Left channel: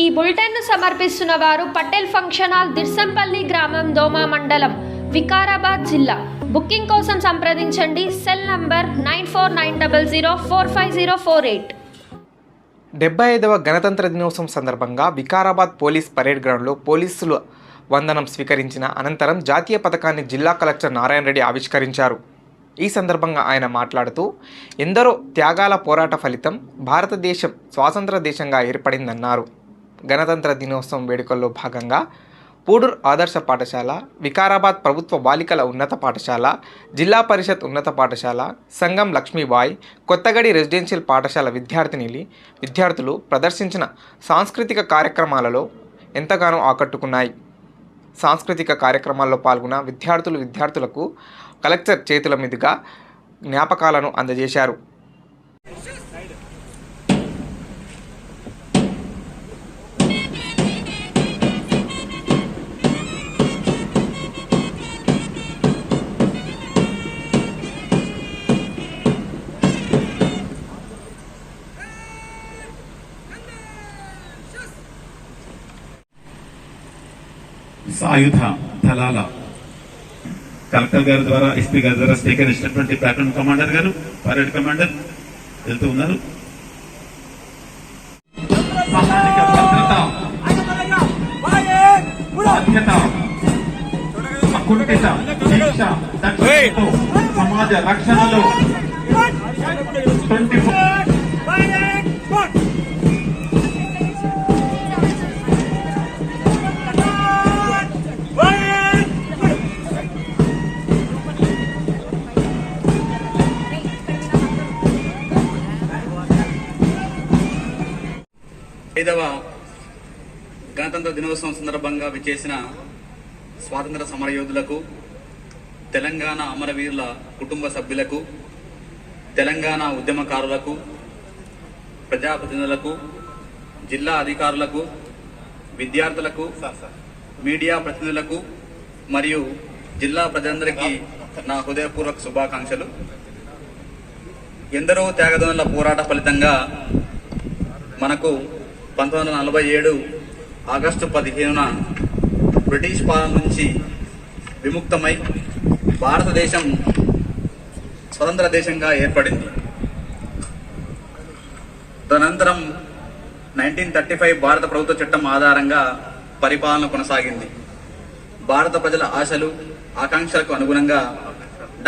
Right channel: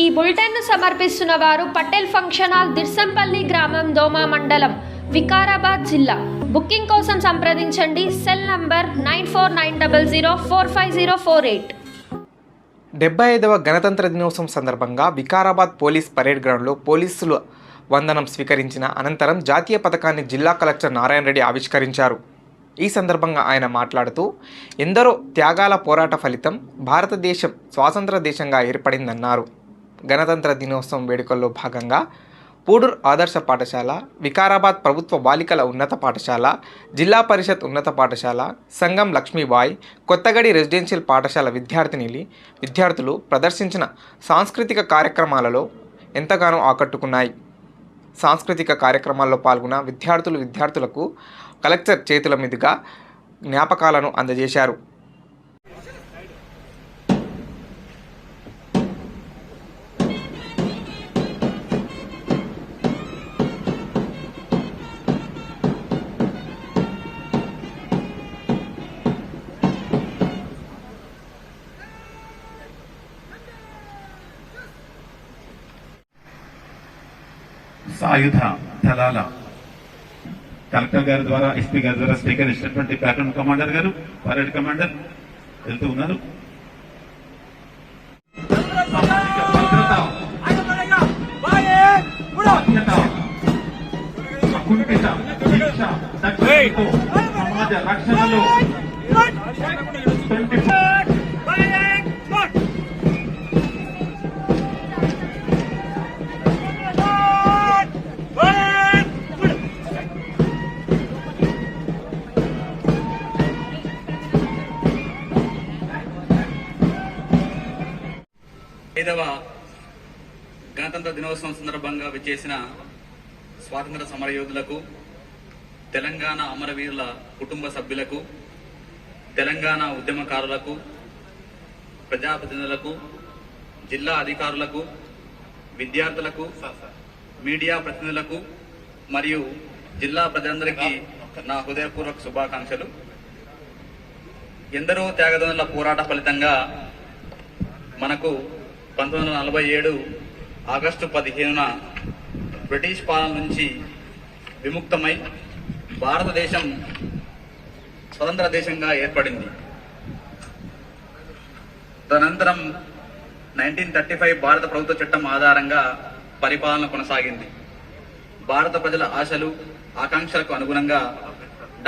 ఈ బులెటిన్ ను సమర్పిస్తున్న వారు పటేల్ ఫంక్షన్ హాల్, దిర్సంపల్లి గ్రామం, దోమా మండలం, వికారాబాద్ జిల్లా. బుకింగ్ కోసం సంప్రదించండి. Cell number 9490045048. 75వ గణతంత్ర దినోత్సవం సందర్భంగా వికారాబాద్ పోలీస్ పరేడ్ గ్రౌండ్లో పోలీసులు వందనం స్వీకరించిన అనంతరం జాతీయ పతాకాన్ని జిల్లా కలెక్టర్ నారాయణ రెడ్డి ఆవిష్కరించారు. ఈ సందర్భంగా ఆయన మాట్లాడుతూ, ఎందరో త్యాగాల పోరాట ఫలితం భారతదేశం స్వాతంత్ర దేశంగా ఏర్పడిందన్నారు. గణతంత్ర దినోత్సవం వేడుకల్లో భాగంగా పూడూర్ ఆదర్శ పాఠశాల, వికారాబాద్ ప్రభుత్వ బాలికల ఉన్నత పాఠశాల, జిల్లా పరిషత్ ఉన్నత పాఠశాల, సంగం లక్ష్మీబాయి, కొత్తగడి రెసిడెన్షియల్ పాఠశాల విద్యార్థులు ప్రదర్శించిన సాంస్కృతిక కార్యక్రమాలలో ఎంతగానో ఆకట్టుకున్నాయి. సాంస్కృతిక కార్యక్రమాల్లో పాల్గొన్న విద్యార్థులకు కలెక్టర్ చేతుల మీదుగా జ్ఞాపకాలను అందజేశారు. సాయుధ దళాల కలెక్టర్ గారి ద్వారా ఎస్పీ గారి ద్వారా స్వీకరించినటువంటి ప్లాటూన్ కమాండర్ గారు, పరేడ్ కమాండర్ వెళ్తూ ఉన్నారు. సమాజ రక్షణలో 5వ గణతంత్ర దినోత్సవం సందర్భంగా విచ్చేసిన స్వాతంత్ర సమరయోధులకు, తెలంగాణ అమరవీరుల కుటుంబ సభ్యులకు, తెలంగాణ ఉద్యమకారులకు, ప్రజాప్రతినిధులకు, జిల్లా అధికారులకు, విద్యార్థులకు, మీడియా ప్రతినిధులకు మరియు జిల్లా ప్రజలందరికీ నా హృదయపూర్వక శుభాకాంక్షలు. ఎందరో త్యాగదనుల పోరాట ఫలితంగా మనకు 1947 ఆగస్టు 15న బ్రిటిష్ పాలన నుంచి విముక్తమై భారతదేశం స్వతంత్ర దేశంగా ఏర్పడింది. తదనంతరం 1935 భారత ప్రభుత్వ చట్టం ఆధారంగా పరిపాలన కొనసాగింది. భారత ప్రజల ఆశలు, ఆకాంక్షలకు అనుగుణంగా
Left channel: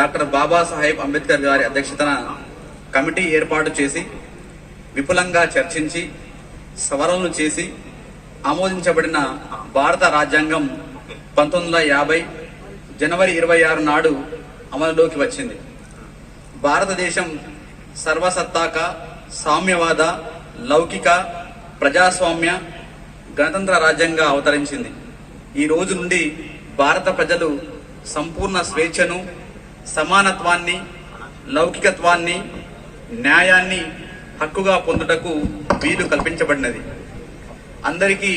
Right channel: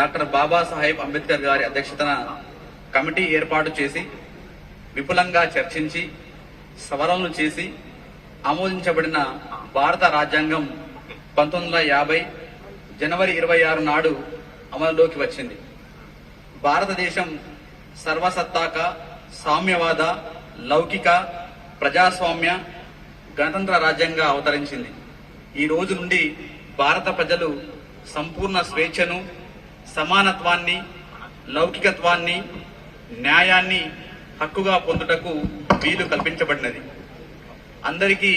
డాక్టర్ బాబాసాహెబ్ అంబేద్కర్ గారి అధ్యక్షతన కమిటీ ఏర్పాటు చేసి విపులంగా చర్చించి సవరణలు చేసి ఆమోదించబడిన భారత రాజ్యాంగం 1950 జనవరి 26 నాడు అమలులోకి వచ్చింది. భారతదేశం సర్వసత్తాక, సామ్యవాద, లౌకిక, ప్రజాస్వామ్య, గణతంత్ర రాజ్యంగా అవతరించింది. ఈ రోజు నుండి భారత ప్రజలు సంపూర్ణ స్వేచ్ఛను, సమానత్వాన్ని, లౌకికత్వాన్ని, న్యాయాన్ని హక్కుగా పొందుటకు వీలు కల్పించబడినది. అందరికీ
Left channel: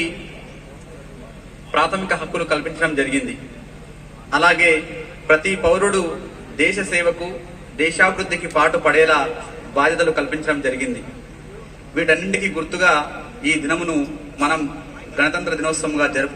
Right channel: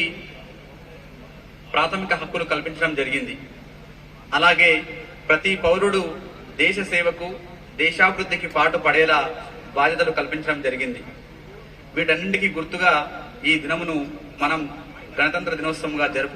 ప్రాథమిక హక్కులు కల్పించడం జరిగింది. అలాగే ప్రతి పౌరుడు దేశ సేవకు, దేశాభివృద్ధికి పాటు పడేలా బాధ్యతలు కల్పించడం జరిగింది. వీటన్నింటికీ గుర్తుగా ఈ దినమును మనం గణతంత్ర దినోత్సవంగా జరుపు